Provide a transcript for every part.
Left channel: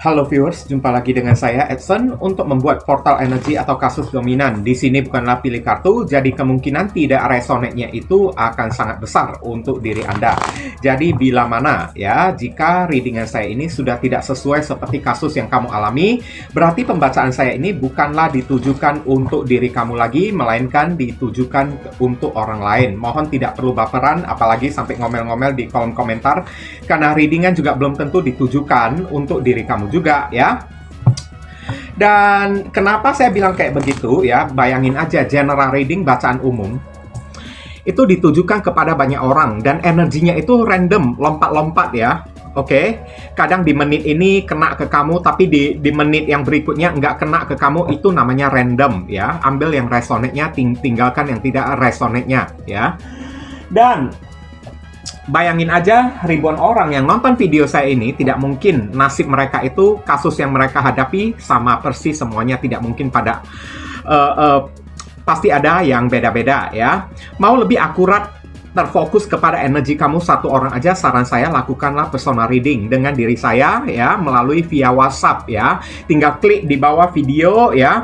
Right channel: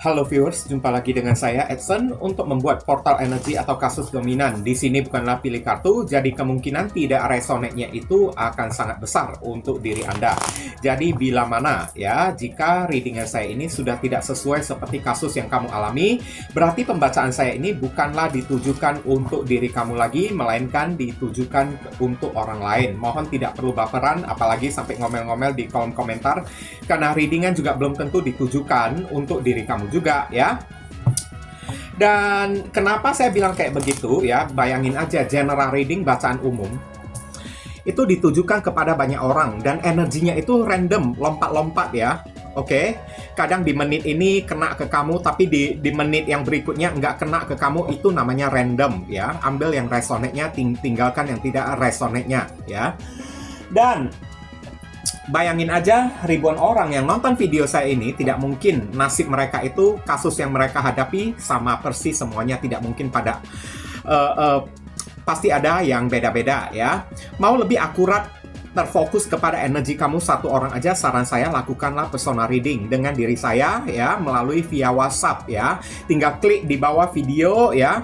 Halo viewers, jumpa lagi dengan saya Edson untuk membuat portal energi atau kasus dominan. Di sini bukanlah pilih kartu, jadi kemungkinan tidak resonate-nya itu akan sangat besar untuk diri Anda. Jadi bila mana ya, jika readingan saya ini sudah tidak sesuai seperti kasus yang kamu alami, berarti pembacaan saya ini bukanlah ditujukan untuk diri kamu lagi, melainkan ditujukan untuk orang lain. Mohon tidak perlu baperan, apalagi sampai ngomel-ngomel di kolom komentar, karena readingan juga belum tentu ditujukan untuk diri kamu juga ya. Dan kenapa saya bilang kayak begitu ya, bayangin aja general reading bacaan umum itu ditujukan kepada banyak orang dan energinya itu random, lompat-lompat ya. Oke, kadang di menit ini kena ke kamu, tapi di menit yang berikutnya nggak kena ke kamu, itu namanya random ya. Ambil yang resonate-nya, tinggalkan yang tidak resonate-nya ya. Dan bayangin aja ribuan orang yang nonton video saya ini, tidak mungkin nasib mereka itu, kasus yang mereka hadapi sama persis semuanya, tidak mungkin pada pasti ada yang beda-beda ya. Mau lebih akurat, terfokus kepada energi kamu satu orang aja, saran saya lakukanlah personal reading dengan diri saya ya, melalui via WhatsApp ya. Tinggal klik di bawah video ya,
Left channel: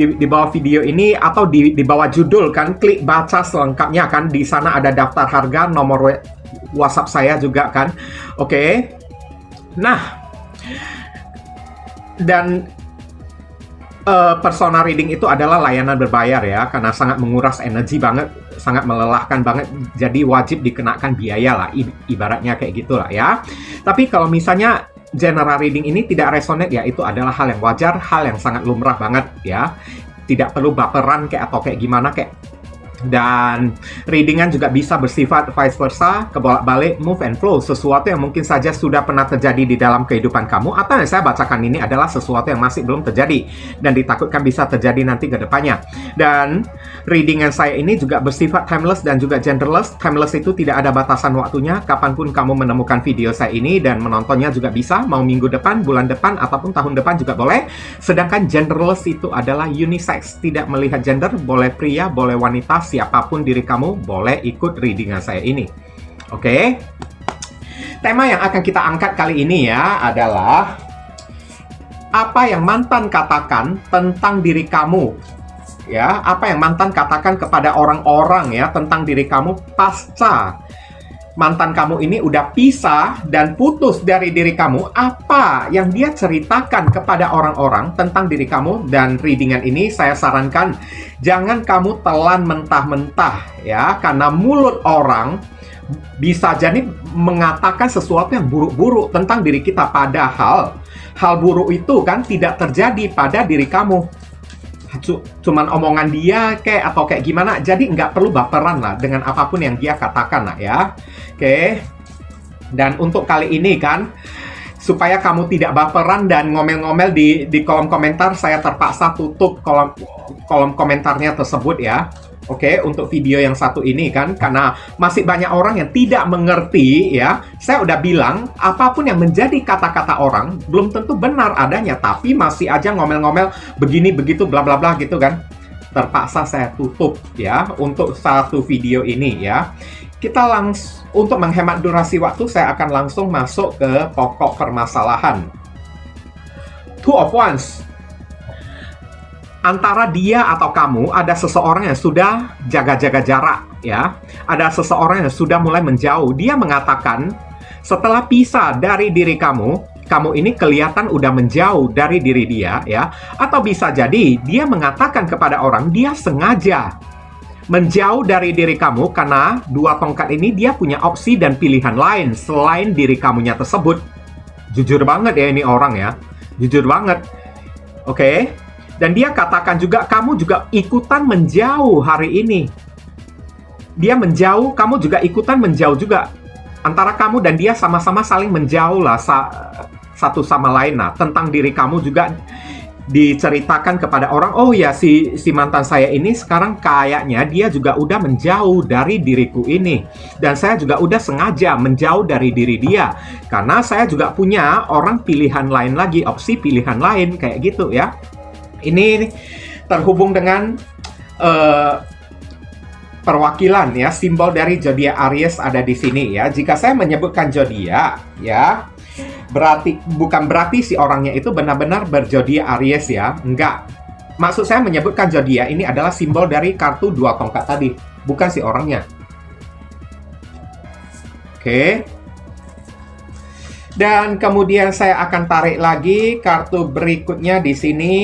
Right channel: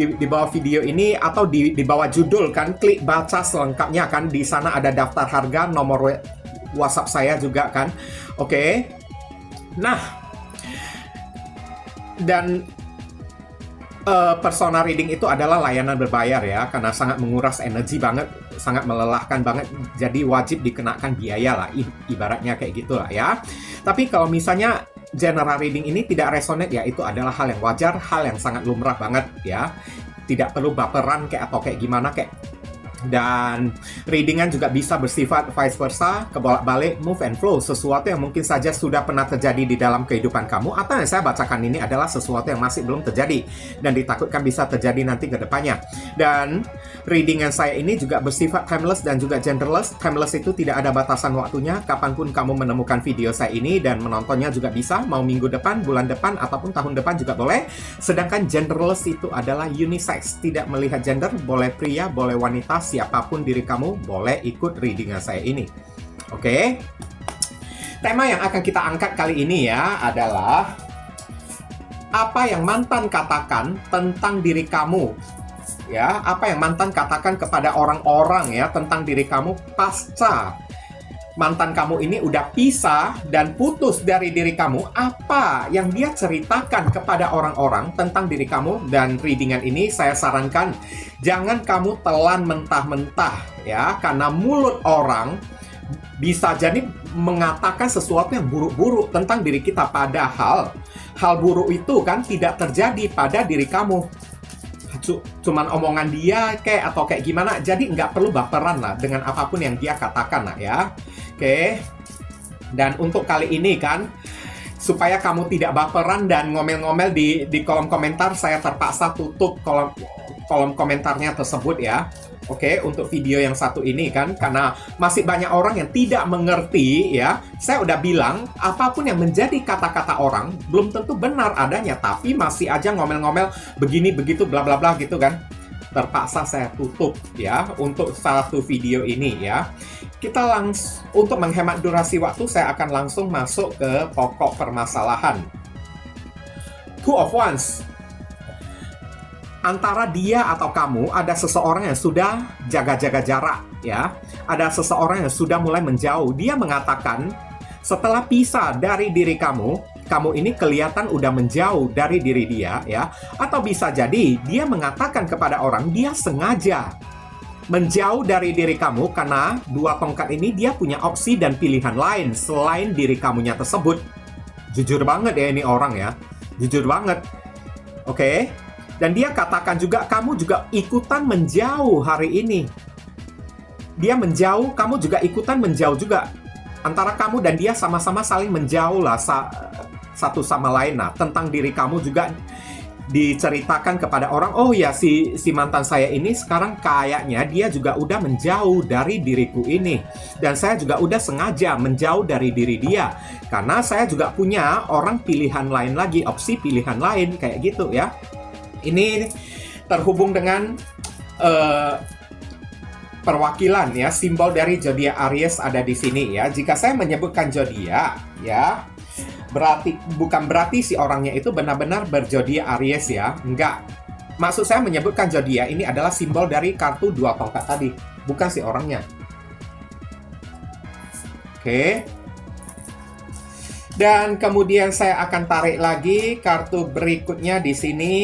di bawah video ini atau di bawah judul kan, klik baca selengkapnya kan, di sana ada daftar harga, nomor WhatsApp saya juga kan. Oke. Nah, dan personal reading itu adalah layanan berbayar ya, karena sangat menguras energi banget, sangat melelahkan banget, jadi wajib dikenakan biaya lah, ibaratnya kayak gitulah ya. Tapi kalau misalnya general reading ini tidak resonate ya, itu adalah hal yang wajar, hal yang sangat lumrah banget ya. Tidak perlu baperan kayak atau kayak gimana kayak. Dan readingan juga bisa bersifat vice versa, kebolak-balik, move and flow, sesuatu yang mungkin saja sudah pernah terjadi di dalam kehidupan kamu, atau yang saya bacakan ini adalah sesuatu yang masih belum terjadi dan ditakutkan bisa terjadi nanti ke depannya. Dan readingan saya ini juga bersifat timeless dan juga genderless. Timeless itu tidak ada batasan waktunya, kapanpun kamu menemukan video saya ini dan menontonnya juga bisa, mau minggu depan, bulan depan, ataupun tahun depan juga boleh. Sedangkan genderless itu adalah unisex, tidak melihat gender, boleh pria, boleh wanita, siapapun diri kamu boleh ikut readingan saya ini. Oke. Tema yang akan kita angkat kali ini ya adalah apa yang mantan katakan tentang diri kamu. Ya, apa yang mantan katakan kepada orang-orang ya tentang diri kamu pasca mantan kamu ini udah pisah dan putus dari diri kamu. Apa yang dia ceritakan kepada orang-orang tentang diri kamu. Dan readingan ini saya sarankan jangan kamu telan mentah-mentah ya, karena mulut orang bisa jadi mengatakan sesuatu yang buruk-buruk tentang diri kita, padahal hal buruk itu kan tidak terjadi pada diri kamu, cuman omongan dia kayak atau kayak gimana. Jadi nggak perlu baperan lah dengan apapun yang dia katakan lah ya. Oke. Dan untuk kali ini kan, supaya kamu tidak baperan dan ngomel-ngomel di kolom komentar, saya terpaksa tutup kolom komentarnya tersebut ya. Oke, untuk video yang satu ini kan, karena masih banyak orang yang tidak mengerti ya. Saya udah bilang, apapun yang menjadi kata-kata orang belum tentu benar adanya, tapi masih aja ngomel-ngomel begini begitu bla bla bla gitu kan. Terpaksa saya tutup ya untuk satu video ini ya. Kita langsung, untuk menghemat durasi waktu, saya akan langsung masuk ke pokok permasalahan. Two of Wands. Antara dia atau kamu ada seseorang yang sudah jaga-jaga jarak ya. Ada seseorang yang sudah mulai menjauh. Dia mengatakan setelah pisah dari diri kamu, kamu ini kelihatan udah menjauh dari diri dia ya. Atau bisa jadi dia mengatakan kepada orang dia sengaja menjauh dari diri kamu karena dua tongkat ini dia punya opsi dan pilihan lain selain diri kamunya tersebut. Jujur banget ya ini orang ya. Jujur banget. Oke. Dan dia katakan juga, kamu juga ikutan menjauh hari ini. Dia menjauh, kamu juga ikutan menjauh juga. Antara kamu dan dia sama-sama saling menjauh lah satu sama lain. Nah, tentang diri kamu juga diceritakan kepada orang, oh ya si mantan saya ini sekarang kayaknya dia juga udah menjauh dari diriku ini. Dan saya juga udah sengaja menjauh dari diri dia. Karena saya juga punya orang pilihan lain lagi, opsi pilihan lain, kayak gitu ya. Ini terhubung dengan perwakilan ya, simbol dari zodiak Aries ada di sini ya. Jika saya menyebutkan zodiak ya, bukan berarti si orangnya itu benar-benar berzodiak Aries ya. Enggak. Maksud saya menyebutkan zodiak ini adalah simbol dari kartu 2 tongkat tadi, bukan si orangnya. Oke. Dan kemudian saya akan tarik lagi kartu berikutnya di sini.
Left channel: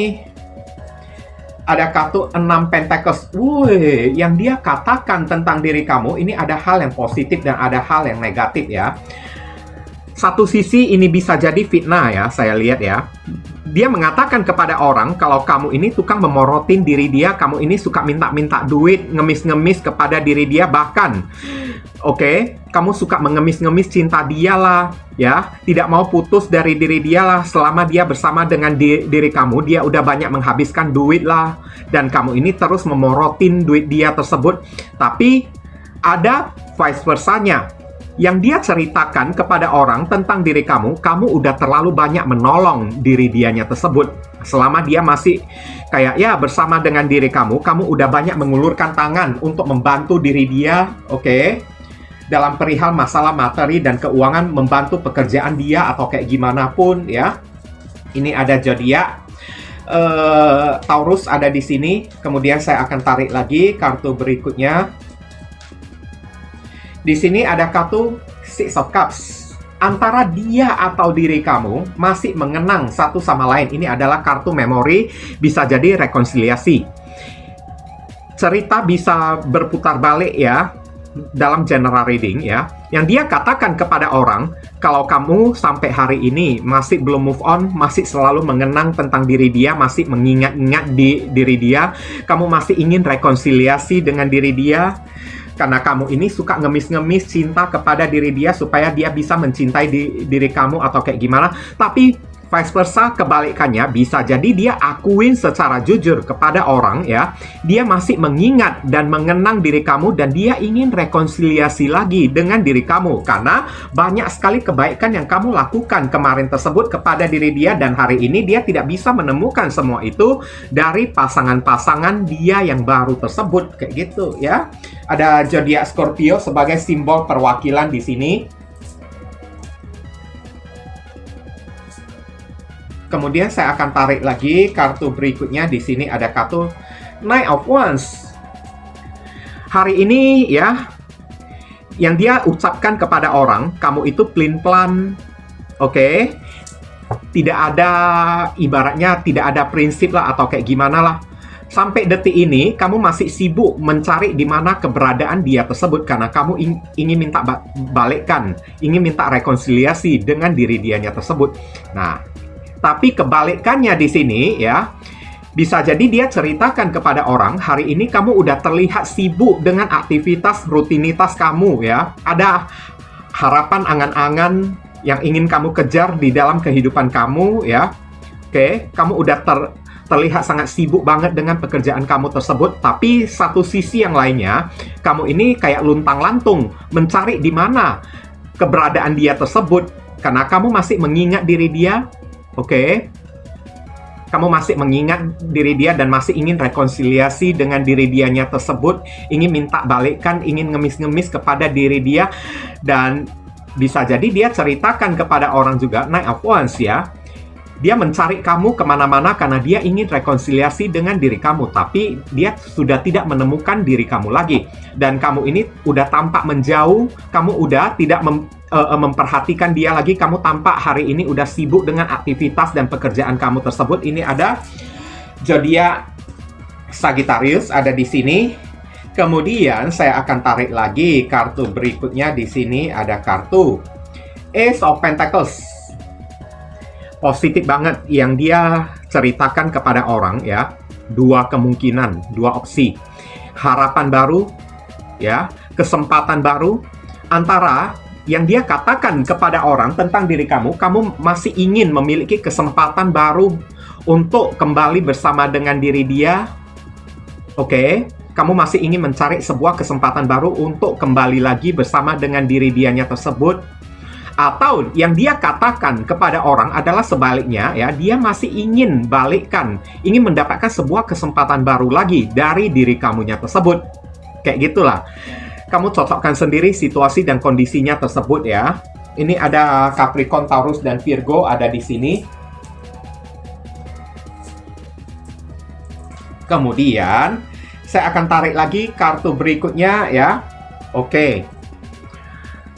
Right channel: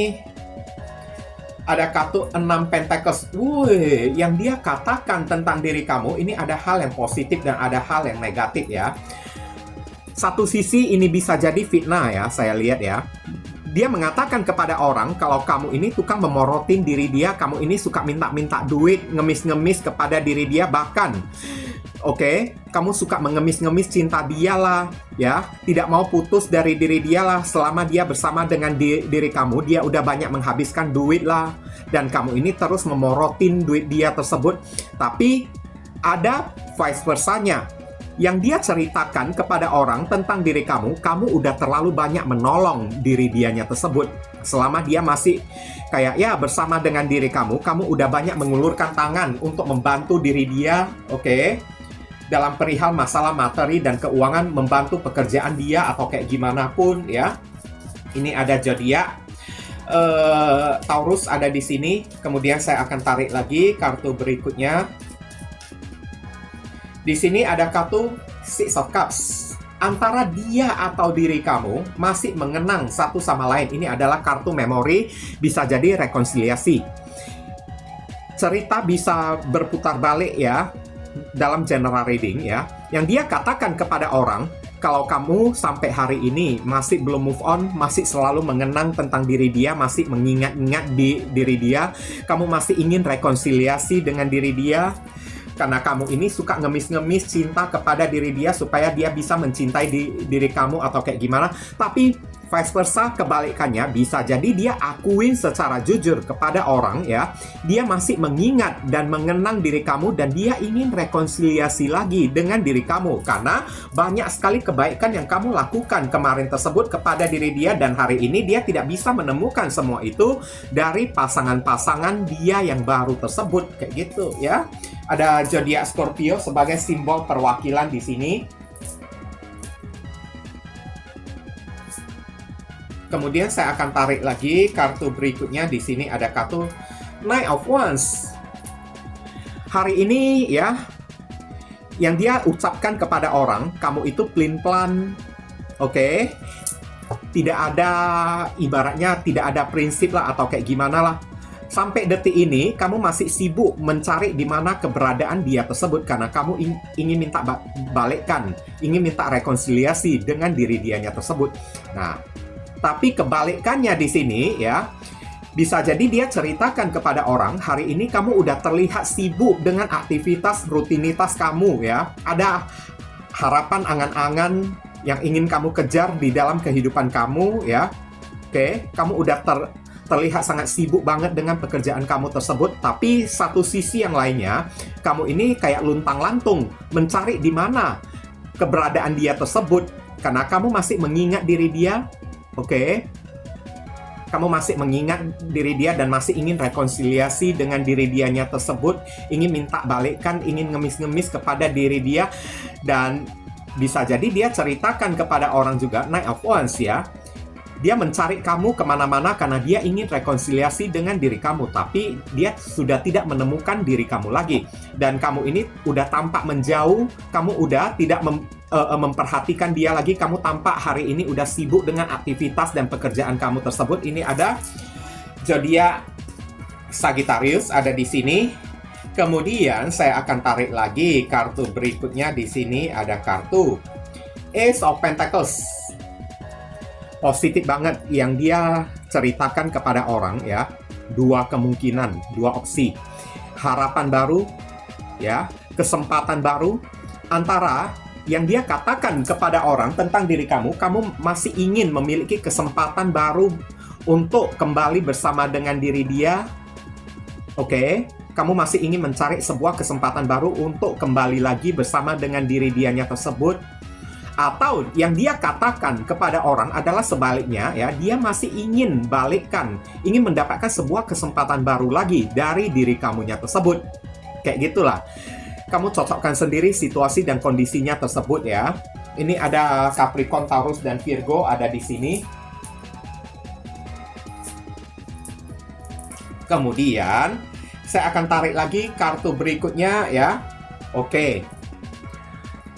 Ada kartu 6 Pentacles. Wih, yang dia katakan tentang diri kamu ini ada hal yang positif dan ada hal yang negatif ya. Satu sisi ini bisa jadi fitnah ya, saya lihat ya. Dia mengatakan kepada orang kalau kamu ini tukang memorotin diri dia, kamu ini suka minta-minta duit, ngemis-ngemis kepada diri dia, bahkan kamu suka mengemis-ngemis cinta dia lah, ya. Tidak mau putus dari diri dia lah. Selama dia bersama dengan diri kamu, dia udah banyak menghabiskan duit lah. Dan kamu ini terus memorotin duit dia tersebut. Tapi ada vice versanya. Yang dia ceritakan kepada orang tentang diri kamu, kamu udah terlalu banyak menolong diri dianya tersebut. Selama dia masih kayak ya bersama dengan diri kamu, kamu udah banyak mengulurkan tangan untuk membantu diri dia, dalam perihal masalah materi dan keuangan, membantu pekerjaan dia atau kayak gimana pun ya. Ini ada zodiak Taurus ada di sini. Kemudian saya akan tarik lagi kartu berikutnya. Di sini ada kartu Six of Cups. Antara dia atau diri kamu masih mengenang satu sama lain. Ini adalah kartu memori, bisa jadi rekonsiliasi. Cerita bisa berputar balik ya dalam general reading ya. Yang dia katakan kepada orang, kalau kamu sampai hari ini masih belum move on, masih selalu mengenang tentang diri dia, masih mengingat-ingat di diri dia, kamu masih ingin rekonsiliasi dengan diri dia, karena kamu ini suka ngemis-ngemis cinta kepada diri dia supaya dia bisa mencintai diri kamu atau kayak gimana. Tapi vice versa, kebalikannya, bisa jadi dia akuin secara jujur kepada orang ya, dia masih mengingat dan mengenang diri kamu dan dia ingin rekonsiliasi lagi dengan diri kamu karena banyak sekali kebaikan yang kamu lakukan kemarin tersebut kepada diri dia, dan hari ini dia tidak bisa menemukan semua itu dari pasangan-pasangan dia yang baru tersebut, kayak gitu ya. Ada zodiak Scorpio sebagai simbol perwakilan di sini. Kemudian saya akan tarik lagi kartu berikutnya. Di sini ada kartu Knight of Wands. Hari ini ya, yang dia ucapkan kepada orang, kamu itu pelin-pelan, tidak ada, ibaratnya tidak ada prinsip lah atau kayak gimana lah. Sampai detik ini, kamu masih sibuk mencari di mana keberadaan dia tersebut karena kamu ingin minta balikkan, ingin minta rekonsiliasi dengan diri dianya tersebut. Nah, tapi kebalikannya di sini ya, bisa jadi dia ceritakan kepada orang, hari ini kamu udah terlihat sibuk dengan aktivitas rutinitas kamu ya. Ada harapan, angan-angan yang ingin kamu kejar di dalam kehidupan kamu ya. Kamu udah terlihat sangat sibuk banget dengan pekerjaan kamu tersebut, tapi satu sisi yang lainnya, kamu ini kayak luntang-lantung mencari di mana keberadaan dia tersebut karena kamu masih mengingat diri dia, kamu masih mengingat diri dia dan masih ingin rekonsiliasi dengan diri dianya tersebut, ingin minta balikkan, ingin ngemis-ngemis kepada diri dia, dan bisa jadi dia ceritakan kepada orang juga, Knight of Wands ya. Dia mencari kamu kemana-mana karena dia ingin rekonsiliasi dengan diri kamu. Tapi dia sudah tidak menemukan diri kamu lagi. Dan kamu ini udah tampak menjauh. Kamu udah tidak memperhatikan dia lagi. Kamu tampak hari ini udah sibuk dengan aktivitas dan pekerjaan kamu tersebut. Ini ada zodiak Sagittarius ada di sini. Kemudian saya akan tarik lagi kartu berikutnya. Di sini ada kartu Ace of Pentacles. Positif banget yang dia ceritakan kepada orang ya. Dua kemungkinan, dua opsi. Harapan baru ya, kesempatan baru. Antara yang dia katakan kepada orang tentang diri kamu masih ingin memiliki kesempatan baru untuk kembali bersama dengan diri dia. Kamu masih ingin mencari sebuah kesempatan baru untuk kembali lagi bersama dengan diri dianya tersebut. Atau yang dia katakan kepada orang adalah sebaliknya ya, dia masih ingin balikkan, ingin mendapatkan sebuah kesempatan baru lagi dari diri kamunya tersebut. Kayak gitulah. Kamu cocokkan sendiri situasi dan kondisinya tersebut ya. Ini ada Capricorn, Taurus, dan Virgo ada di sini. Kemudian saya akan tarik lagi kartu berikutnya ya. Oke.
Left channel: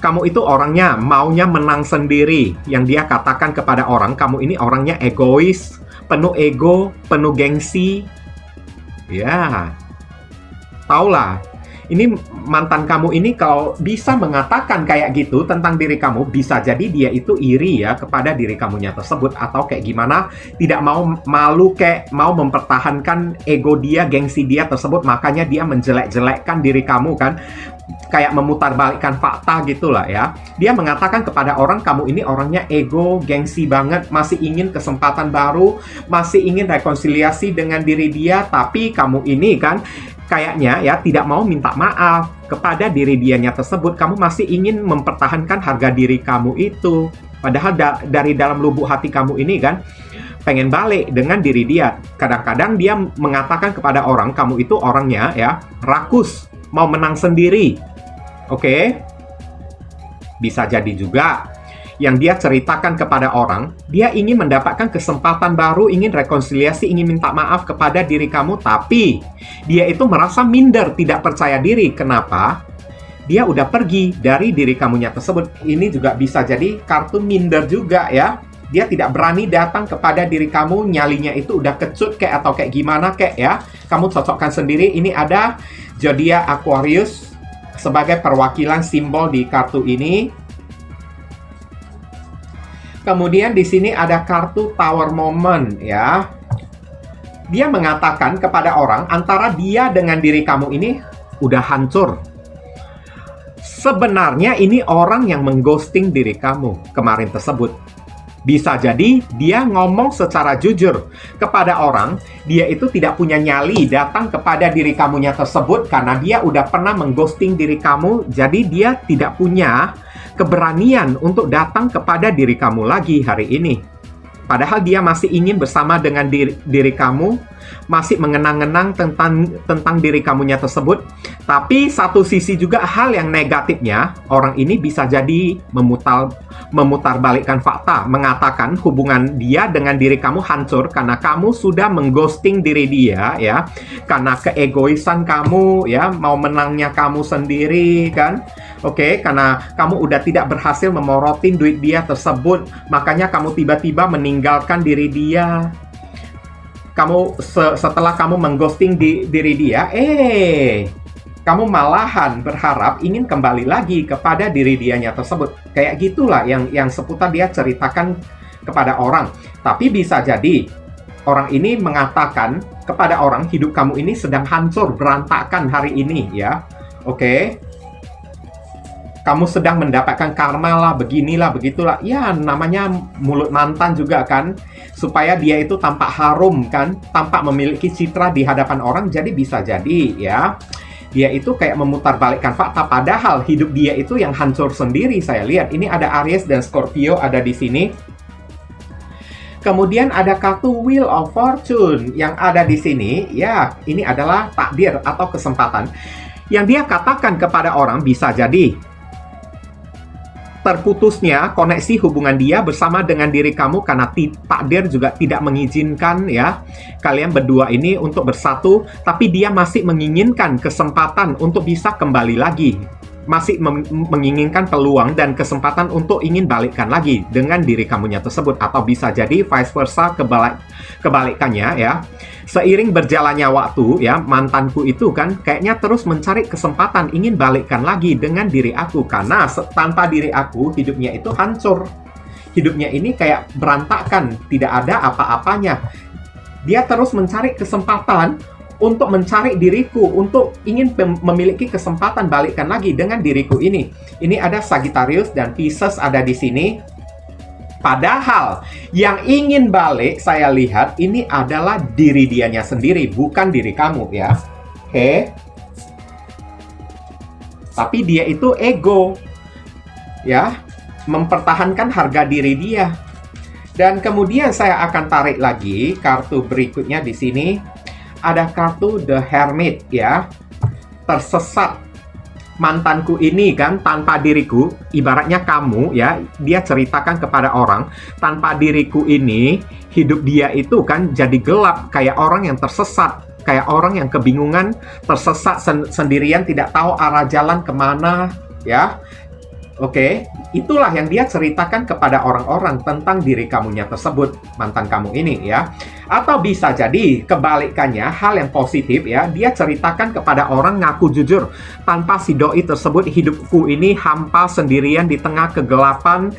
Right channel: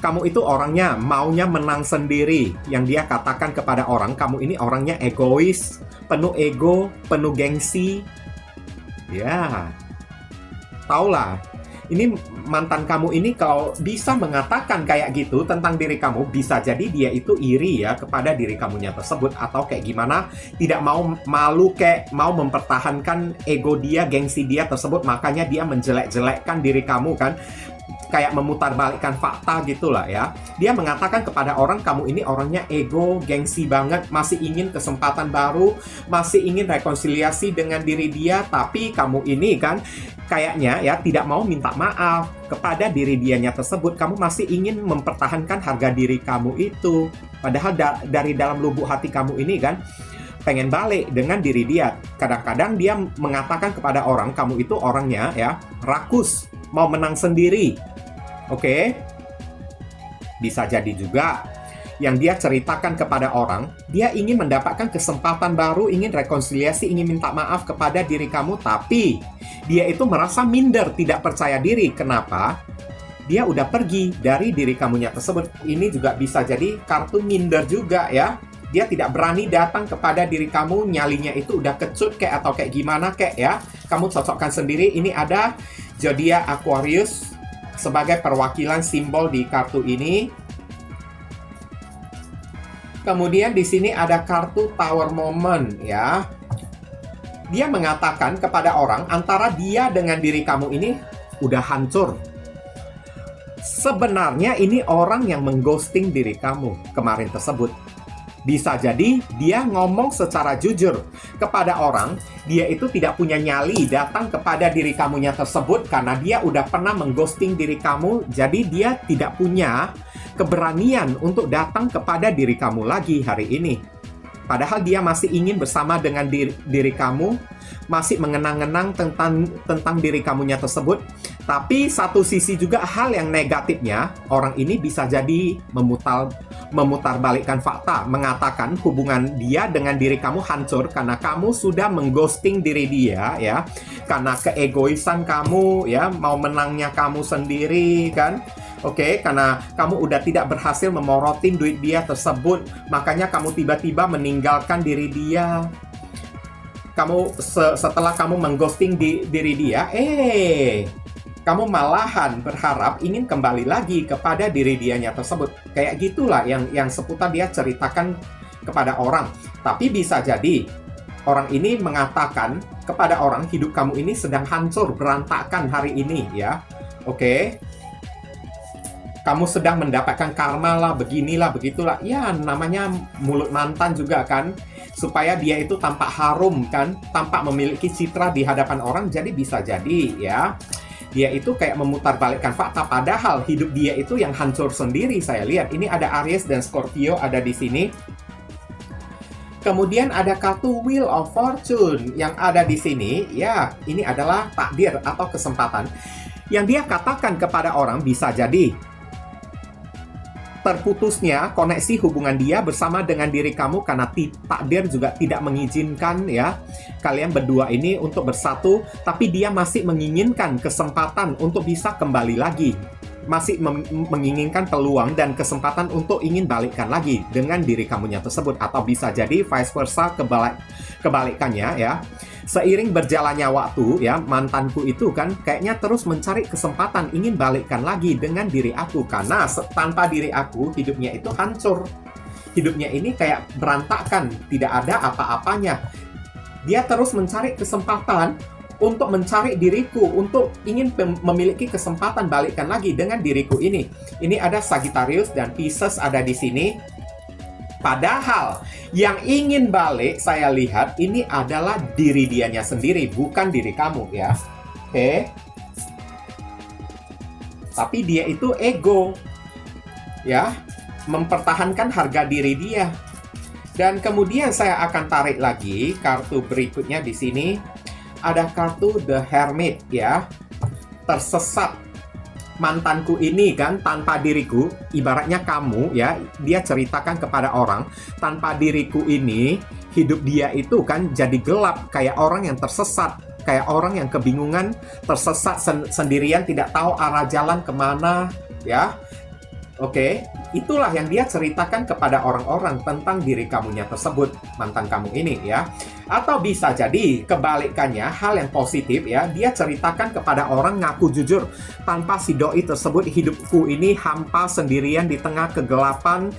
Kamu itu orangnya maunya menang sendiri. Yang dia katakan kepada orang, kamu ini orangnya egois, penuh ego, penuh gengsi. Ya. Taulah. Ini mantan kamu ini kalau bisa mengatakan kayak gitu tentang diri kamu, bisa jadi dia itu iri ya kepada diri kamunya tersebut, atau kayak gimana, tidak mau malu, kayak mau mempertahankan ego dia, gengsi dia tersebut, makanya dia menjelek-jelekkan diri kamu kan, kayak memutarbalikkan fakta gitulah ya. Dia mengatakan kepada orang, kamu ini orangnya ego, gengsi banget, masih ingin kesempatan baru, masih ingin rekonsiliasi dengan diri dia, tapi kamu ini kan kayaknya ya tidak mau minta maaf kepada diri dianya tersebut. Kamu masih ingin mempertahankan harga diri kamu itu. Padahal dari dalam lubuk hati kamu ini kan pengen balik dengan diri dia. Kadang-kadang dia mengatakan kepada orang, kamu itu orangnya ya rakus, mau menang sendiri. Oke? Bisa jadi juga yang dia ceritakan kepada orang, dia ingin mendapatkan kesempatan baru, ingin rekonsiliasi, ingin minta maaf kepada diri kamu, tapi dia itu merasa minder, tidak percaya diri. Kenapa? Dia udah pergi dari diri kamunya tersebut. Ini juga bisa jadi kartu minder juga ya. Dia tidak berani datang kepada diri kamu, nyalinya itu udah kecut kayak atau kayak gimana kayak ya. Kamu cocokkan sendiri. Ini ada zodiak Aquarius sebagai perwakilan simbol di kartu ini. Kemudian di sini ada kartu Tower Moment ya. Dia mengatakan kepada orang, antara dia dengan diri kamu ini udah hancur. Sebenarnya ini orang yang mengghosting diri kamu kemarin tersebut. Bisa jadi dia ngomong secara jujur kepada orang, dia itu tidak punya nyali datang kepada diri kamunya tersebut karena dia udah pernah mengghosting diri kamu, jadi dia tidak punya keberanian untuk datang kepada diri kamu lagi hari ini. Padahal dia masih ingin bersama dengan diri kamu, masih mengenang-enang tentang diri kamunya tersebut. Tapi satu sisi juga hal yang negatifnya, orang ini bisa jadi memutarbalikkan fakta, mengatakan hubungan dia dengan diri kamu hancur karena kamu sudah mengghosting diri dia ya, karena keegoisan kamu ya, mau menangnya kamu sendiri kan. Oke, karena kamu udah tidak berhasil memorotin duit dia tersebut, makanya kamu tiba-tiba meninggalkan diri dia. Kamu setelah kamu mengghosting diri dia, kamu malahan berharap ingin kembali lagi kepada diri dianya tersebut. Kayak gitulah yang seputar dia ceritakan kepada orang. Tapi bisa jadi orang ini mengatakan kepada orang, hidup kamu ini sedang hancur, berantakan hari ini ya. Oke. Kamu sedang mendapatkan karma lah, beginilah, begitulah. Ya, namanya mulut mantan juga kan. Supaya dia itu tampak harum kan, tampak memiliki citra di hadapan orang. Jadi bisa jadi ya, dia itu kayak memutarbalikkan fakta. Padahal hidup dia itu yang hancur sendiri. Saya lihat ini ada Aries dan Scorpio ada di sini. Kemudian ada kartu Wheel of Fortune yang ada di sini. Ya, ini adalah takdir atau kesempatan. Yang dia katakan kepada orang bisa jadi terputusnya koneksi hubungan dia bersama dengan diri kamu karena takdir juga tidak mengizinkan ya kalian berdua ini untuk bersatu, tapi dia masih menginginkan kesempatan untuk bisa kembali lagi, masih menginginkan peluang dan kesempatan untuk ingin balikkan lagi dengan diri kamunya tersebut, atau bisa jadi vice versa, kebalikannya ya. Seiring berjalannya waktu ya, mantanku itu kan kayaknya terus mencari kesempatan ingin balikkan lagi dengan diri aku, karena tanpa diri aku hidupnya itu hancur. Hidupnya ini kayak berantakan, tidak ada apa-apanya. Dia terus mencari kesempatan untuk mencari diriku, untuk ingin memiliki kesempatan balikkan lagi dengan diriku ini. Ini ada Sagittarius dan Pisces ada di sini. Padahal yang ingin balik saya lihat ini adalah diri dianya sendiri, bukan diri kamu ya. Oke. Tapi dia itu ego. Ya, mempertahankan harga diri dia. Dan kemudian saya akan tarik lagi kartu berikutnya di sini. Ada kartu The Hermit ya. Tersesat. mantanku ini kan tanpa diriku, ibaratnya kamu ya, dia ceritakan kepada orang, tanpa diriku ini hidup dia itu kan jadi gelap, kayak orang yang tersesat, kayak orang yang kebingungan, tersesat sendirian, tidak tahu arah jalan kemana ya. Oke, itulah yang dia ceritakan kepada orang-orang tentang diri kamunya tersebut, mantan kamu ini ya. Atau bisa jadi kebalikannya, hal yang positif ya, dia ceritakan kepada orang, ngaku jujur, tanpa si doi tersebut hidupku ini hampa sendirian di tengah kegelapan,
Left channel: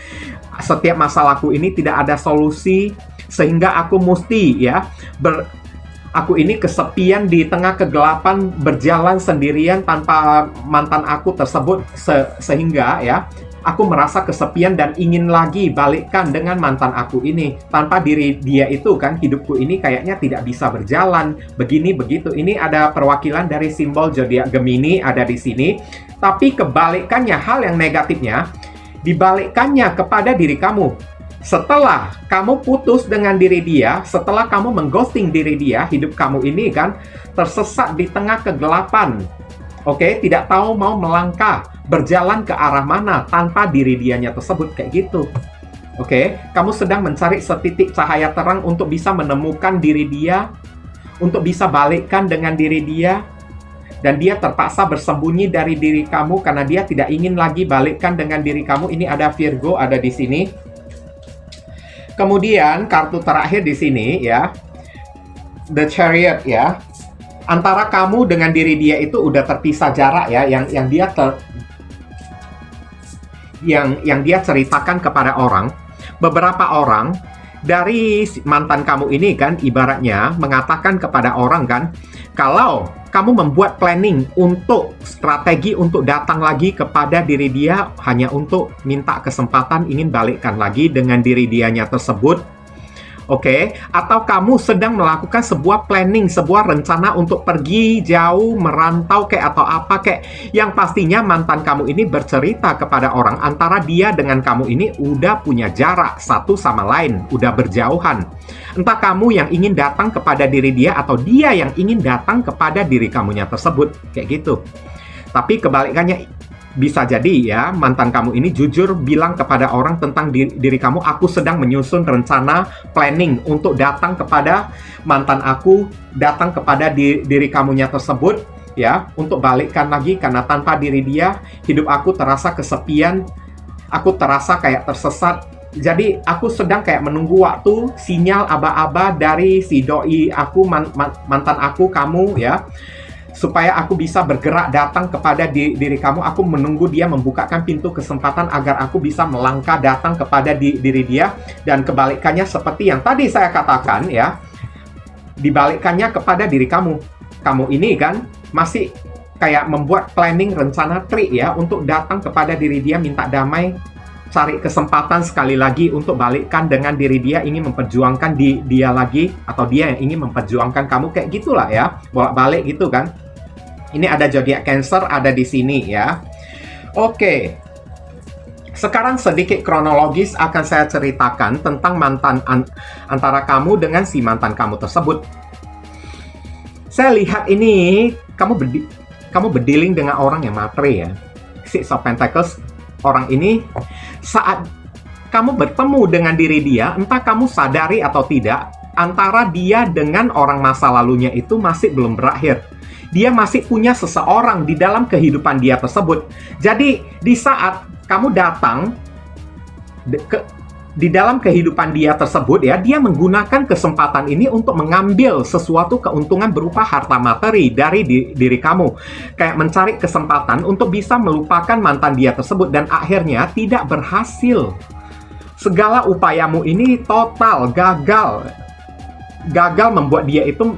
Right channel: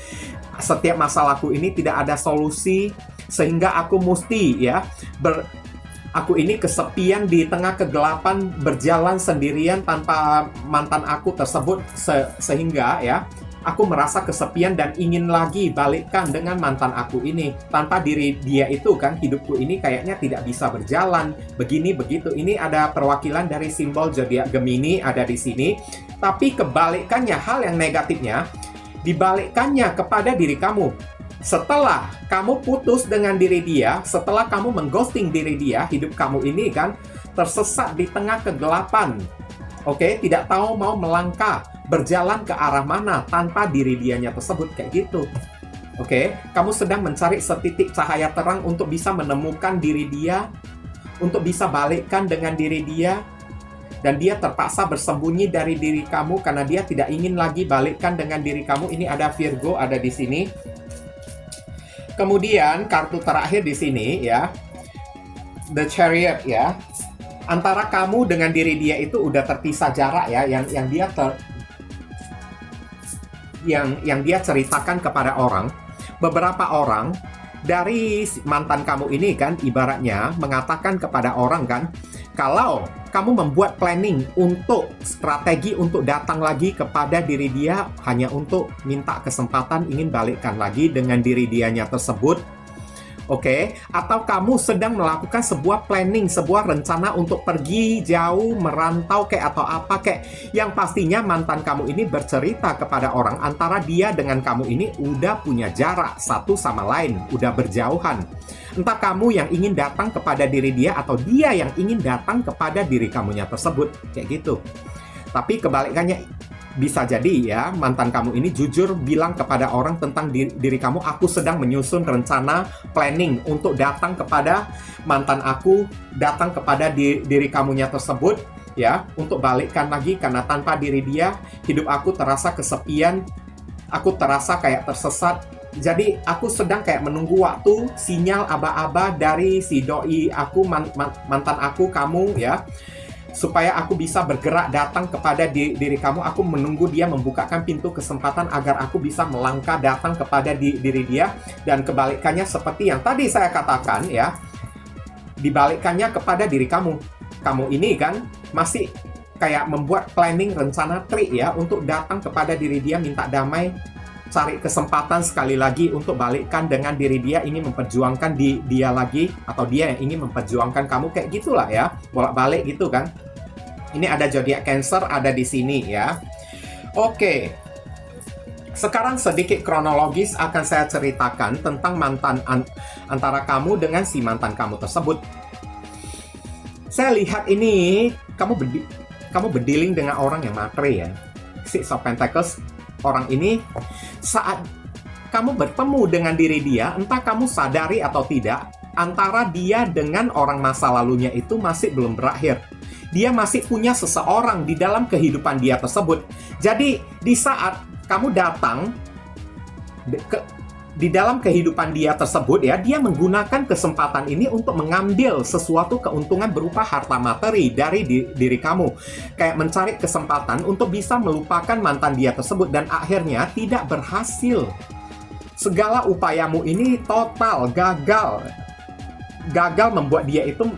setiap masalahku ini tidak ada solusi, sehingga aku mesti ya aku ini kesepian di tengah kegelapan, berjalan sendirian tanpa mantan aku tersebut, sehingga ya aku merasa kesepian dan ingin lagi balikkan dengan mantan aku ini. Tanpa diri dia itu kan hidupku ini kayaknya tidak bisa berjalan, begini begitu. Ini ada perwakilan dari simbol zodiak Gemini ada di sini. Tapi kebalikannya, hal yang negatifnya dibalikkannya kepada diri kamu. Setelah kamu putus dengan diri dia, setelah kamu mengghosting diri dia, hidup kamu ini kan tersesat di tengah kegelapan. Oke, tidak tahu mau melangkah, berjalan ke arah mana tanpa diri dianya tersebut, kayak gitu. Oke, kamu sedang mencari setitik cahaya terang untuk bisa menemukan diri dia, untuk bisa balikkan dengan diri dia, dan dia terpaksa bersembunyi dari diri kamu karena dia tidak ingin lagi balikkan dengan diri kamu. Ini ada Virgo ada di sini. Kemudian kartu terakhir di sini ya, The Chariot ya. Antara kamu dengan diri dia itu udah terpisah jarak ya, yang dia ceritakan kepada orang. Beberapa orang dari mantan kamu ini kan ibaratnya mengatakan kepada orang kan, kalau kamu membuat planning untuk strategi untuk datang lagi kepada diri dia hanya untuk minta kesempatan ingin balikkan lagi dengan diri dianya tersebut. Oke, atau kamu sedang melakukan sebuah planning, sebuah rencana untuk pergi jauh, merantau kayak atau apa kayak, yang pastinya mantan kamu ini bercerita kepada orang antara dia dengan kamu ini udah punya jarak satu sama lain, udah berjauhan. Entah kamu yang ingin datang kepada diri dia atau dia yang ingin datang kepada diri kamunya tersebut, kayak gitu. Tapi kebalikannya, bisa jadi ya, mantan kamu ini jujur bilang kepada orang tentang diri kamu, aku sedang menyusun rencana planning untuk datang kepada mantan aku, datang kepada diri kamunya tersebut ya, untuk balikkan lagi karena tanpa diri dia, hidup aku terasa kesepian, aku terasa kayak tersesat. Jadi aku sedang kayak menunggu waktu, sinyal aba-aba dari si doi aku, mantan aku, kamu ya, supaya aku bisa bergerak datang kepada diri kamu. Aku menunggu dia membukakan pintu kesempatan agar aku bisa melangkah datang kepada diri dia. Dan kebalikannya seperti yang tadi saya katakan ya, dibalikkannya kepada diri kamu. Kamu ini kan masih kayak membuat planning, rencana, trik ya, untuk datang kepada diri dia, minta damai, cari kesempatan sekali lagi untuk balikkan dengan diri dia, ingin memperjuangkan dia lagi, atau dia yang ingin memperjuangkan kamu, kayak gitulah ya, bolak-balik gitu kan. Ini ada zodiak Cancer ada di sini ya. Oke. Sekarang sedikit kronologis akan saya ceritakan tentang mantan antara kamu dengan si mantan kamu tersebut. Saya lihat ini kamu berdealing dengan orang yang materi ya. Six of Pentacles, orang ini saat kamu bertemu dengan diri dia, entah kamu sadari atau tidak, antara dia dengan orang masa lalunya itu masih belum berakhir. Dia masih punya seseorang di dalam kehidupan dia tersebut. Jadi di saat kamu datang di dalam kehidupan dia tersebut ya, dia menggunakan kesempatan ini untuk mengambil sesuatu keuntungan berupa harta materi dari diri kamu. Kayak mencari kesempatan untuk bisa melupakan mantan dia tersebut, dan akhirnya tidak berhasil. Segala upayamu ini total gagal. Gagal membuat dia itu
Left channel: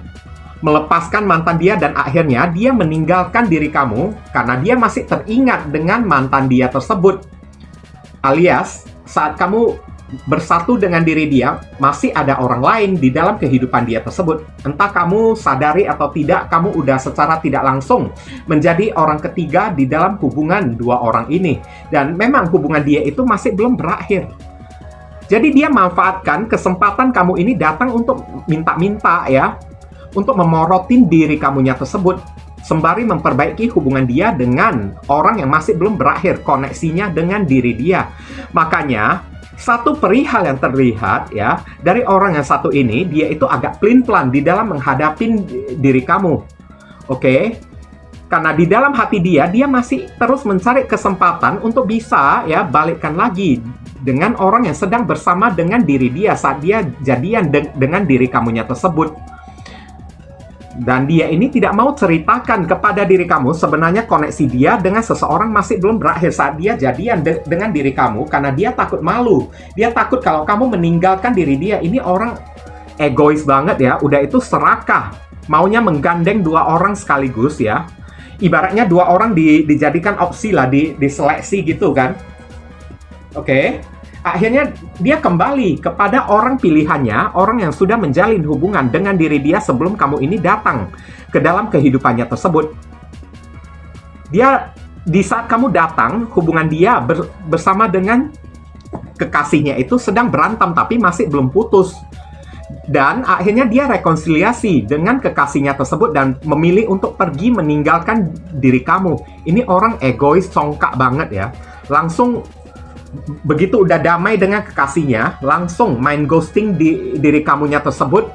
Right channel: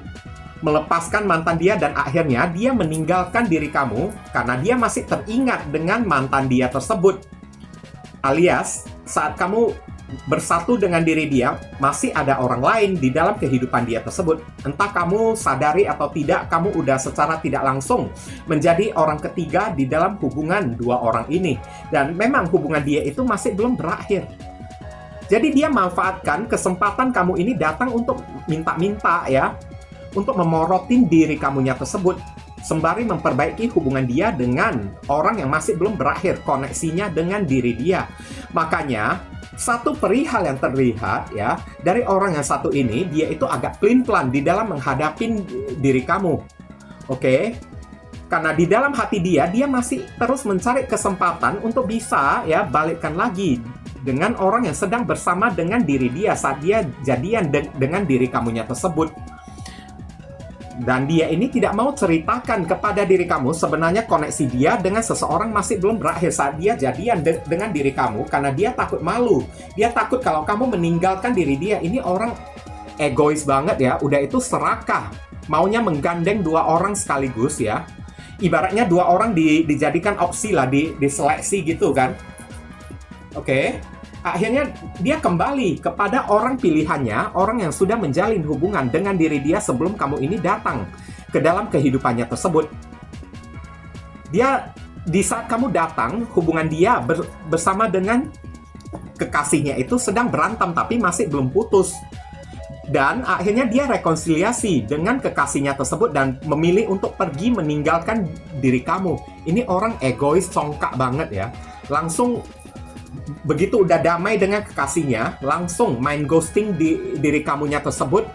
melepaskan mantan dia, dan akhirnya dia meninggalkan diri kamu karena dia masih teringat dengan mantan dia tersebut. Alias, saat kamu bersatu dengan diri dia, masih ada orang lain di dalam kehidupan dia tersebut. Entah kamu sadari atau tidak, kamu udah secara tidak langsung menjadi orang ketiga di dalam hubungan dua orang ini. Dan memang hubungan dia itu masih belum berakhir. Jadi dia manfaatkan kesempatan kamu ini datang untuk minta-minta ya, untuk memorotin diri kamunya tersebut, sembari memperbaiki hubungan dia dengan orang yang masih belum berakhir koneksinya dengan diri dia. Makanya satu perihal yang terlihat ya dari orang yang satu ini, dia itu agak pelin-pelan di dalam menghadapi diri kamu. Oke? Karena di dalam hati dia masih terus mencari kesempatan untuk bisa ya balikkan lagi dengan orang yang sedang bersama dengan diri dia saat dia jadian dengan diri kamunya tersebut. Dan dia ini tidak mau ceritakan kepada diri kamu sebenarnya koneksi dia dengan seseorang masih belum berakhir saat dia jadian dengan diri kamu, karena dia takut malu. Dia takut kalau kamu meninggalkan diri dia. Ini orang egois banget ya, udah itu serakah, maunya menggandeng dua orang sekaligus ya. Ibaratnya dua orang dijadikan opsi lah, diseleksi gitu kan. Oke. Akhirnya dia kembali kepada orang pilihannya, orang yang sudah menjalin hubungan dengan diri dia sebelum kamu ini datang ke dalam kehidupannya tersebut. Dia, di saat kamu datang, hubungan dia bersama dengan kekasihnya itu sedang berantem tapi masih belum putus. Dan akhirnya dia rekonsiliasi dengan kekasihnya tersebut dan memilih untuk pergi meninggalkan diri kamu. Ini orang egois, congkak banget ya. Langsung begitu udah damai dengan kekasihnya, langsung main ghosting di diri kamunya tersebut.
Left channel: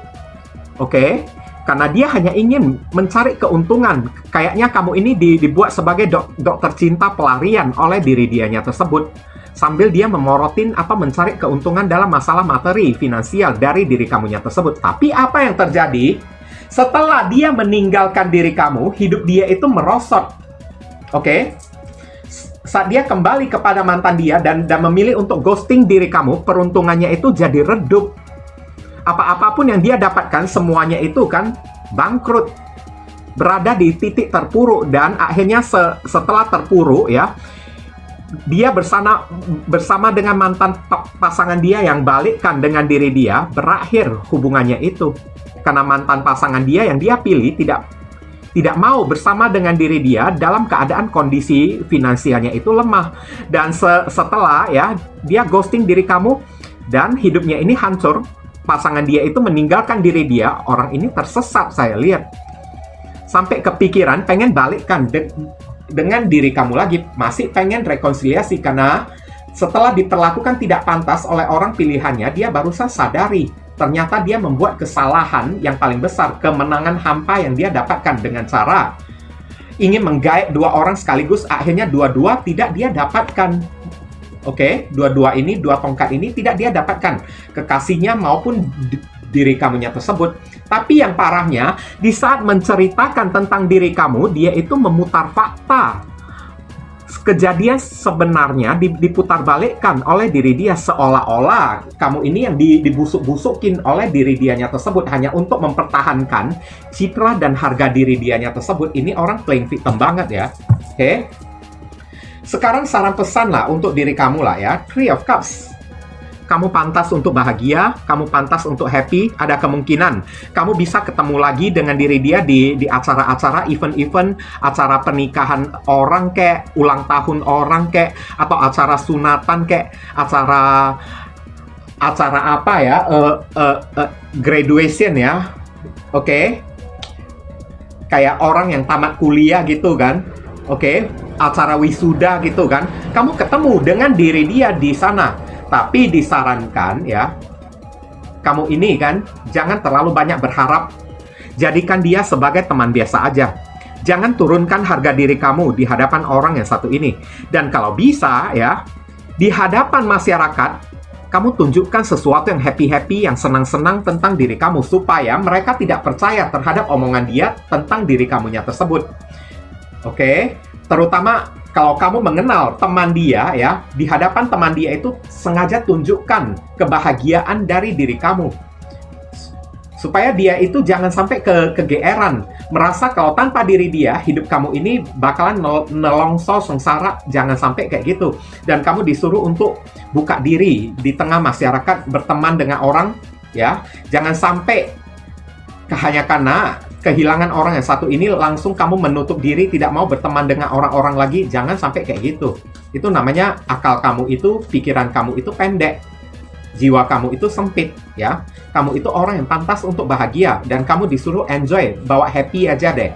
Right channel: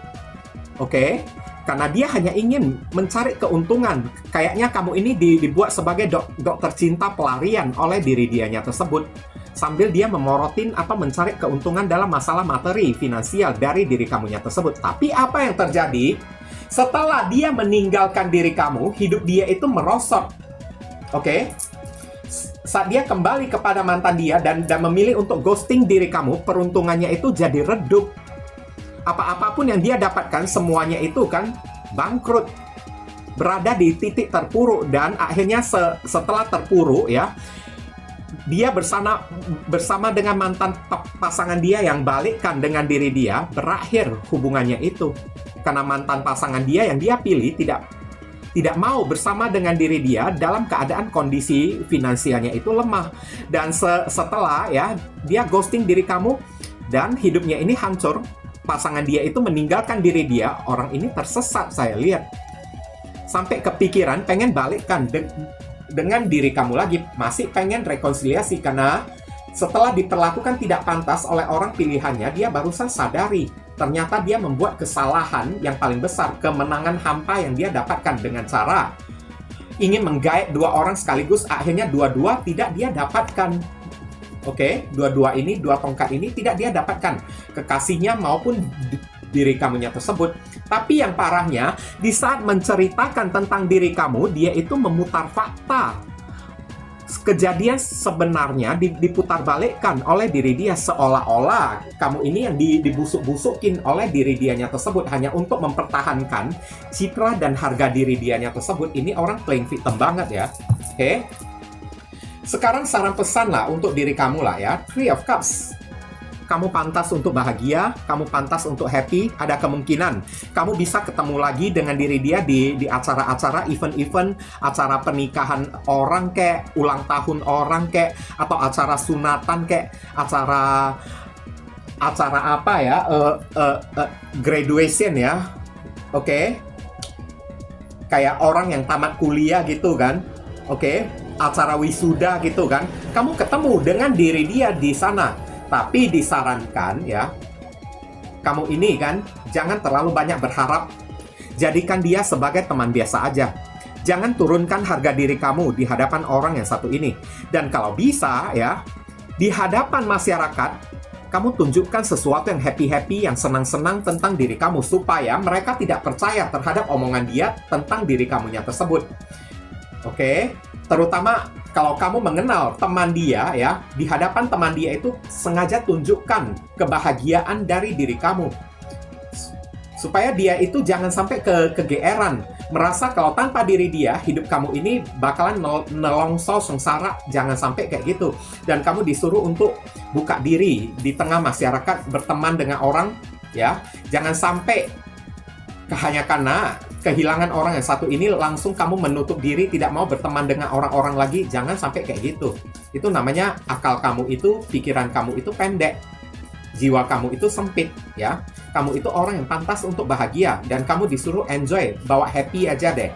Oke? Karena dia hanya ingin mencari keuntungan. Kayaknya kamu ini dibuat sebagai dokter cinta pelarian oleh diri dianya tersebut. Sambil dia memorotin mencari keuntungan dalam masalah materi, finansial dari diri kamunya tersebut. Tapi apa yang terjadi? Setelah dia meninggalkan diri kamu, hidup dia itu merosot. Oke? Saat dia kembali kepada mantan dia dan memilih untuk ghosting diri kamu, peruntungannya itu jadi redup. Apapun yang dia dapatkan, semuanya itu kan bangkrut. Berada di titik terpuruk dan akhirnya setelah terpuruk ya, dia bersama dengan mantan pasangan dia yang balikkan dengan diri dia, berakhir hubungannya itu. Karena mantan pasangan dia yang dia pilih tidak mau bersama dengan diri dia dalam keadaan kondisi finansialnya itu lemah. Dan setelah ya dia ghosting diri kamu dan hidupnya ini hancur, pasangan dia itu meninggalkan diri dia, orang ini tersesat saya lihat. Sampai kepikiran pengen balikkan dengan diri kamu lagi, masih pengen rekonsiliasi karena setelah diperlakukan tidak pantas oleh orang pilihannya, dia barusan sadari ternyata dia membuat kesalahan yang paling besar, kemenangan hampa yang dia dapatkan dengan cara ingin menggait dua orang sekaligus, akhirnya dua-dua tidak dia dapatkan. Oke, dua tongkat ini tidak dia dapatkan, kekasihnya maupun diri kamunya tersebut. Tapi yang parahnya, di saat menceritakan tentang diri kamu, dia itu memutar fakta. Kejadian sebenarnya diputarbalikkan oleh diri dia, seolah-olah kamu ini yang dibusuk-busukin oleh diri dianya tersebut hanya untuk mempertahankan citra dan harga diri dianya tersebut. Ini orang playing victim banget ya. Oke. Sekarang saran pesan lah untuk diri kamu lah ya. Three of Cups. Kamu pantas untuk bahagia, kamu pantas untuk happy. Ada kemungkinan kamu bisa ketemu lagi dengan diri dia di acara-acara, event-event, acara pernikahan orang kek, ulang tahun orang kek, atau acara sunatan kek, acara apa ya, graduation ya, oke? Kayak orang yang tamat kuliah gitu kan, oke? Acara wisuda gitu kan, kamu ketemu dengan diri dia di sana. Tapi disarankan ya, kamu ini kan jangan terlalu banyak berharap. Jadikan dia sebagai teman biasa aja. Jangan turunkan harga diri kamu di hadapan orang yang satu ini. Dan kalau bisa ya, di hadapan masyarakat, kamu tunjukkan sesuatu yang happy-happy, yang senang-senang tentang diri kamu, supaya mereka tidak percaya terhadap omongan dia tentang diri kamunya tersebut. Oke? Terutama kalau kamu mengenal teman dia ya, di hadapan teman dia itu sengaja tunjukkan kebahagiaan dari diri kamu. Supaya dia itu jangan sampai kegeeran, merasa kalau tanpa diri dia, hidup kamu ini bakalan nelongso sengsara. Jangan sampai kayak gitu. Dan kamu disuruh untuk buka diri di tengah masyarakat, berteman dengan orang ya. Jangan sampai hanya karena kehilangan orang yang satu ini langsung kamu menutup diri, tidak mau berteman dengan orang-orang lagi. Jangan sampai kayak gitu. Itu namanya akal kamu itu, pikiran kamu itu pendek, jiwa kamu itu sempit ya. Kamu itu orang yang pantas untuk bahagia dan kamu disuruh enjoy, bawa happy aja deh.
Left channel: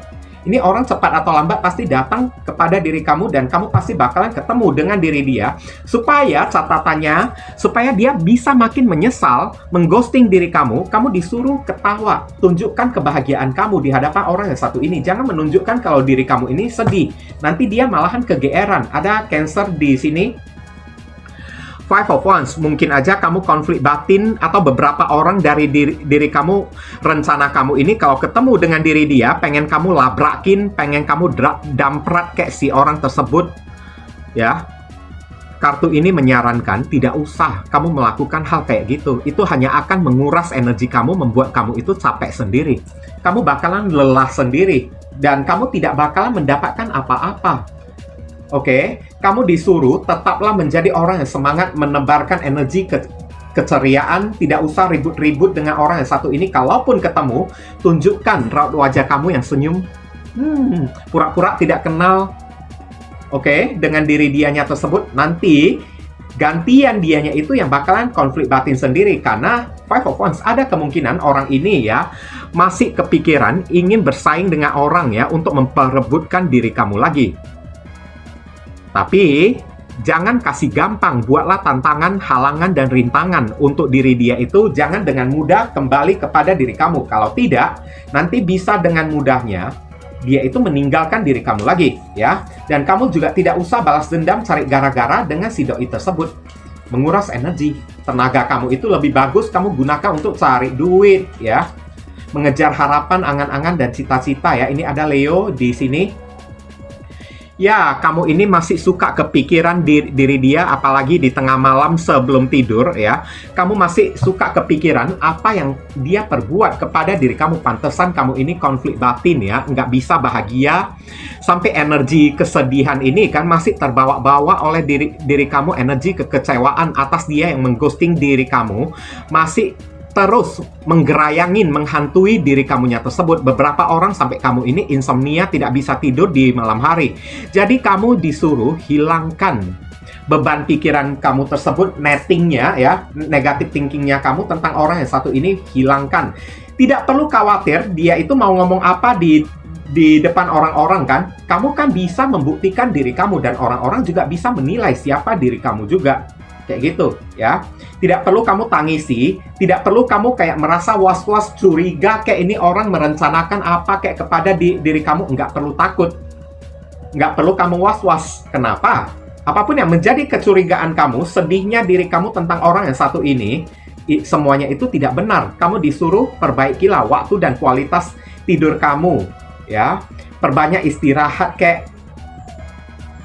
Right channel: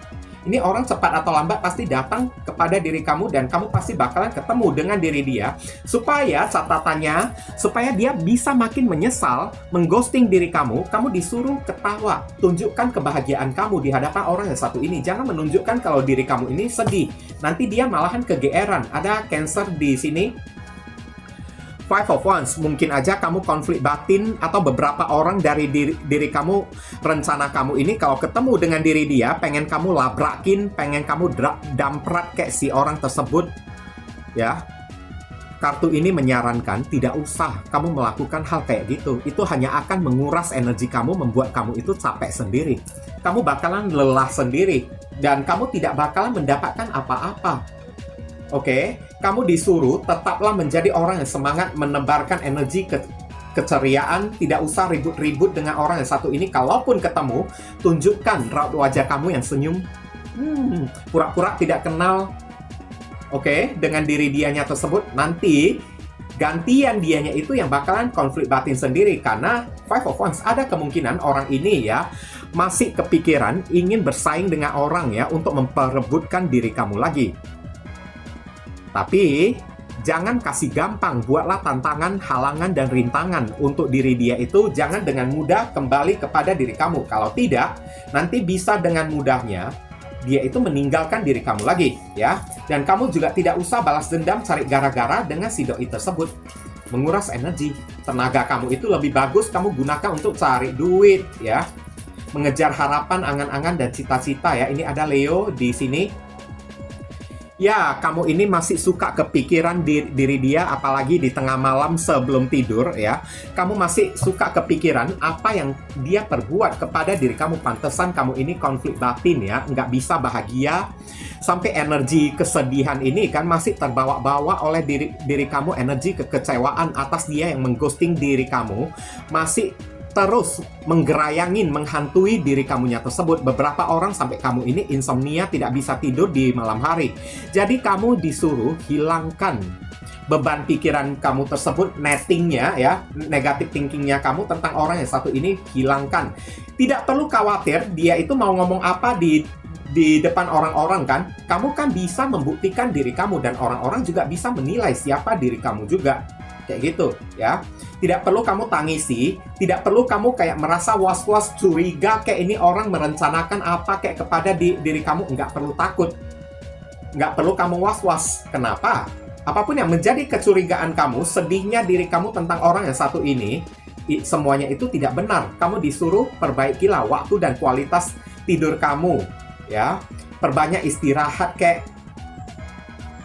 Ini orang cepat atau lambat pasti datang kepada diri kamu dan kamu pasti bakalan ketemu dengan diri dia. Supaya catatannya, supaya dia bisa makin menyesal, mengghosting diri kamu disuruh ketawa. Tunjukkan kebahagiaan kamu di hadapan orang yang satu ini. Jangan menunjukkan kalau diri kamu ini sedih. Nanti dia malahan kegeeran. Ada Cancer di sini. Five of Wands, mungkin aja kamu konflik batin atau beberapa orang dari diri kamu, rencana kamu ini kalau ketemu dengan diri dia, pengen kamu labrakin, pengen kamu damprat kayak si orang tersebut, ya. Kartu ini menyarankan tidak usah kamu melakukan hal kayak gitu. Itu hanya akan menguras energi kamu, membuat kamu itu capek sendiri. Kamu bakalan lelah sendiri dan kamu tidak bakalan mendapatkan apa-apa. Oke, kamu disuruh tetaplah menjadi orang yang semangat, menebarkan energi keceriaan, tidak usah ribut-ribut dengan orang yang satu ini. Kalaupun ketemu, tunjukkan raut wajah kamu yang senyum, pura-pura tidak kenal. Oke, dengan diri dianya tersebut, nanti gantian dianya itu yang bakalan konflik batin sendiri. Karena Five of Wands, ada kemungkinan orang ini ya masih kepikiran ingin bersaing dengan orang ya untuk memperebutkan diri kamu lagi. Tapi, jangan kasih gampang, buatlah tantangan, halangan, dan rintangan untuk diri dia itu. Jangan dengan mudah kembali kepada diri kamu. Kalau tidak, nanti bisa dengan mudahnya dia itu meninggalkan diri kamu lagi, ya. Dan kamu juga tidak usah balas dendam, cari gara-gara dengan si doi tersebut. Menguras energi, tenaga kamu itu lebih bagus kamu gunakan untuk cari duit, ya. Mengejar harapan, angan-angan, dan cita-cita, ya. Ini ada Leo di sini. Ya, kamu ini masih suka kepikiran diri dia, apalagi di tengah malam sebelum tidur, ya. Kamu masih suka kepikiran apa yang dia perbuat kepada diri kamu. Pantesan kamu ini konflik batin, ya. Nggak bisa bahagia. Sampai energi kesedihan ini kan masih terbawa-bawa oleh diri kamu. Energi kekecewaan atas dia yang mengghosting diri kamu. Masih terus menggerayangin, menghantui diri kamunya tersebut. Beberapa orang sampai kamu ini insomnia, tidak bisa tidur di malam hari. Jadi kamu disuruh hilangkan beban pikiran kamu tersebut, nettingnya ya, negatif thinkingnya kamu tentang orang yang satu ini, hilangkan. Tidak perlu khawatir dia itu mau ngomong apa di depan orang-orang kan. Kamu kan bisa membuktikan diri kamu dan orang-orang juga bisa menilai siapa diri kamu juga. Kayak gitu ya. Tidak perlu kamu tangisi, tidak perlu kamu kayak merasa was-was, curiga kayak ini orang merencanakan apa kayak kepada diri kamu. Nggak perlu takut, nggak perlu kamu was-was. Kenapa? Apapun yang menjadi kecurigaan kamu, sedihnya diri kamu tentang orang yang satu ini, semuanya itu tidak benar. Kamu disuruh perbaikilah waktu dan kualitas tidur kamu, ya. Perbanyak istirahat kayak.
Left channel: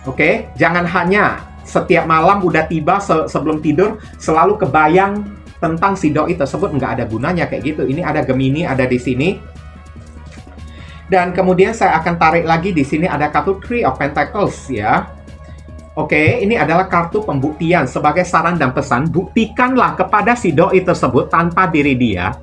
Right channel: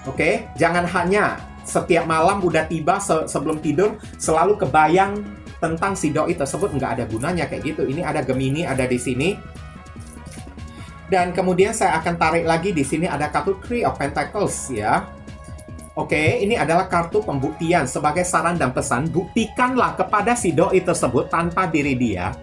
Oke, jangan hanya setiap malam udah tiba sebelum tidur selalu kebayang tentang si doi tersebut, nggak ada gunanya kayak gitu. Ini ada Gemini ada di sini. Dan kemudian saya akan tarik lagi di sini ada kartu Three of Pentacles ya. Oke, ini adalah kartu pembuktian. Sebagai saran dan pesan, buktikanlah kepada si doi tersebut tanpa diri dia.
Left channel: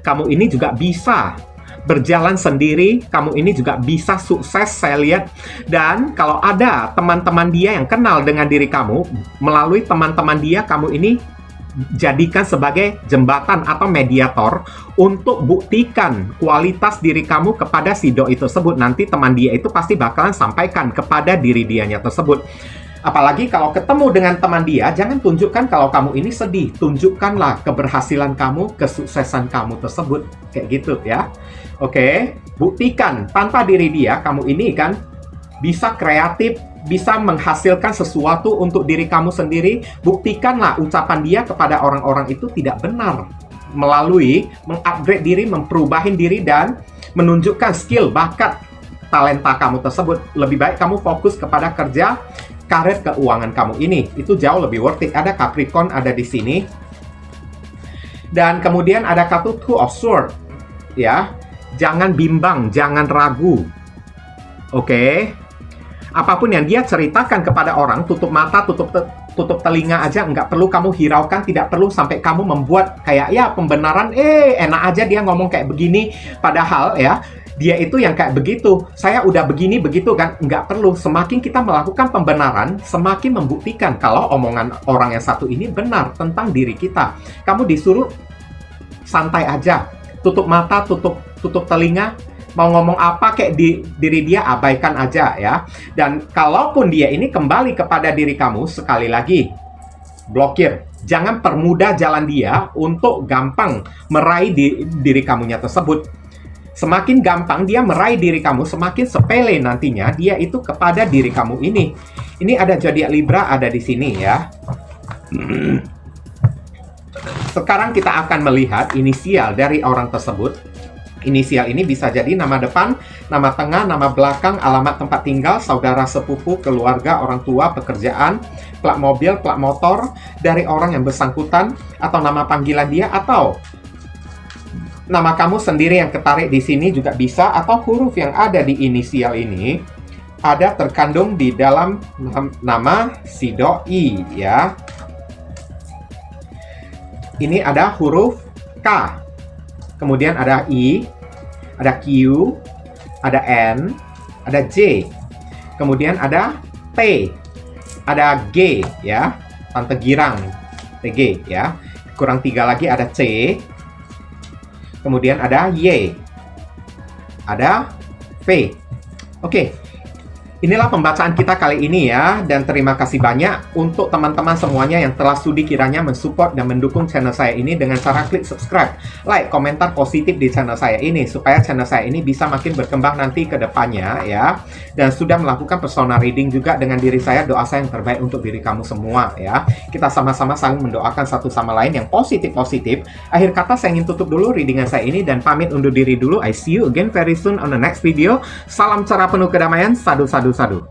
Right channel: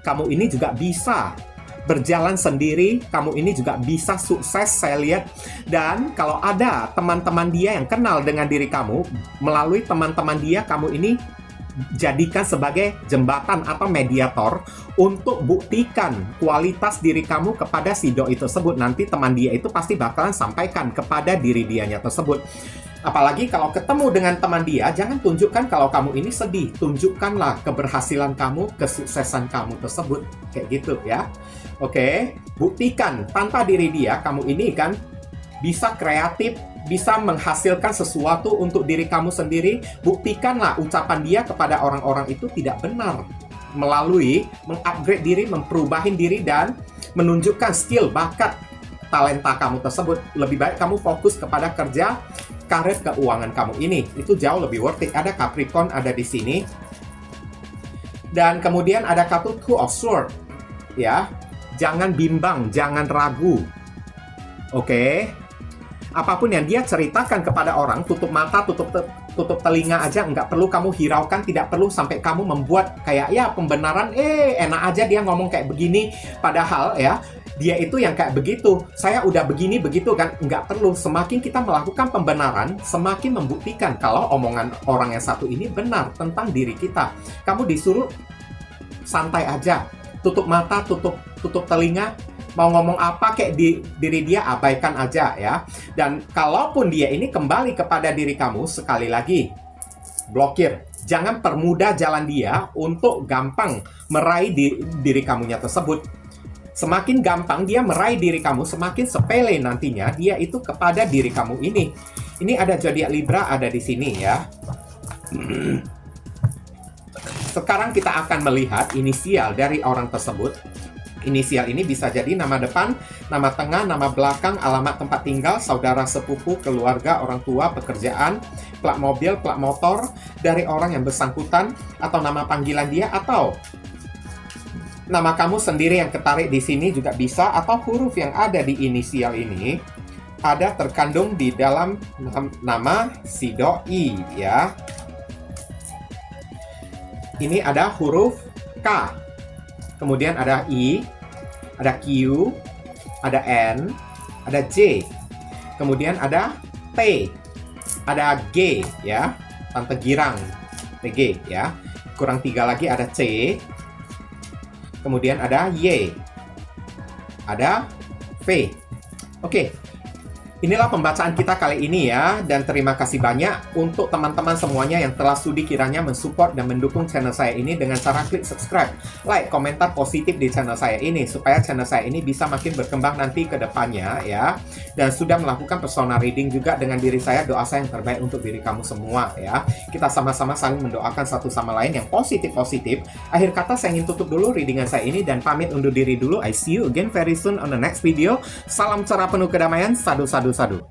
Kamu ini juga bisa berjalan sendiri, kamu ini juga bisa sukses, saya lihat. Dan kalau ada teman-teman dia yang kenal dengan diri kamu, melalui teman-teman dia, kamu ini jadikan sebagai jembatan atau mediator untuk buktikan kualitas diri kamu kepada si doi tersebut. Nanti teman dia itu pasti bakalan sampaikan kepada diri dianya tersebut. Apalagi kalau ketemu dengan teman dia, jangan tunjukkan kalau kamu ini sedih. Tunjukkanlah keberhasilan kamu, kesuksesan kamu tersebut. Kayak gitu ya. Oke, buktikan tanpa diri dia, kamu ini kan bisa kreatif, bisa menghasilkan sesuatu untuk diri kamu sendiri. Buktikanlah ucapan dia kepada orang-orang itu tidak benar. Melalui mengupgrade diri, memperubahin diri, dan menunjukkan skill, bakat, talenta kamu tersebut. Lebih baik kamu fokus kepada kerja, karir, keuangan kamu ini. Itu jauh lebih worth it. Ada Capricorn ada di sini. Dan kemudian ada kartu Two of Swords. Ya, jangan bimbang, jangan ragu. Oke. Apapun yang dia ceritakan kepada orang, tutup mata, tutup telinga aja, nggak perlu kamu hiraukan, tidak perlu sampai kamu membuat kayak ya pembenaran, enak aja dia ngomong kayak begini, padahal ya dia itu yang kayak begitu, saya udah begini begitu kan. Nggak perlu. Semakin kita melakukan pembenaran, semakin membuktikan kalau omongan orang yang satu ini benar tentang diri kita. Kamu disuruh santai aja, tutup mata, tutup telinga, mau ngomong apa kayak di diri dia, abaikan aja ya. Dan kalaupun dia ini kembali kepada diri kamu, sekali lagi blokir. Jangan permudah jalan dia untuk gampang meraih diri kamunya tersebut. Semakin gampang dia meraih diri kamu, semakin sepele nantinya dia itu kepada diri kamu ini. Ini ada zodiak Libra ada di sini ya. Sekarang kita akan melihat inisial dari orang tersebut. Inisial ini bisa jadi nama depan, nama tengah, nama belakang, alamat tempat tinggal, saudara sepupu, keluarga, orang tua, pekerjaan, plat mobil, plat motor dari orang yang bersangkutan, atau nama panggilan dia, atau nama kamu sendiri yang ketarik di sini juga bisa, atau huruf yang ada di inisial ini ada terkandung di dalam nama si doi ya. Ini ada huruf K. Kemudian ada I, ada Q, ada N, ada J. Kemudian ada T, ada G ya, Tante Girang, TG ya. Kurang 3 lagi ada C. Kemudian ada Y, ada V. Oke. Inilah pembacaan kita kali ini ya, dan terima kasih banyak untuk teman-teman semuanya yang telah sudi kiranya mensupport dan mendukung channel saya ini dengan cara klik subscribe, like, komentar positif di channel saya ini, supaya channel saya ini bisa makin berkembang nanti ke depannya ya. Dan sudah melakukan personal reading juga dengan diri saya, doa saya yang terbaik untuk diri kamu semua ya. Kita sama-sama saling mendoakan satu sama lain yang positif-positif. Akhir kata saya ingin tutup dulu readingan saya ini dan pamit undur diri dulu. I see you again very soon on the next video. Salam cerah penuh kedamaian, sadu sadu sadu.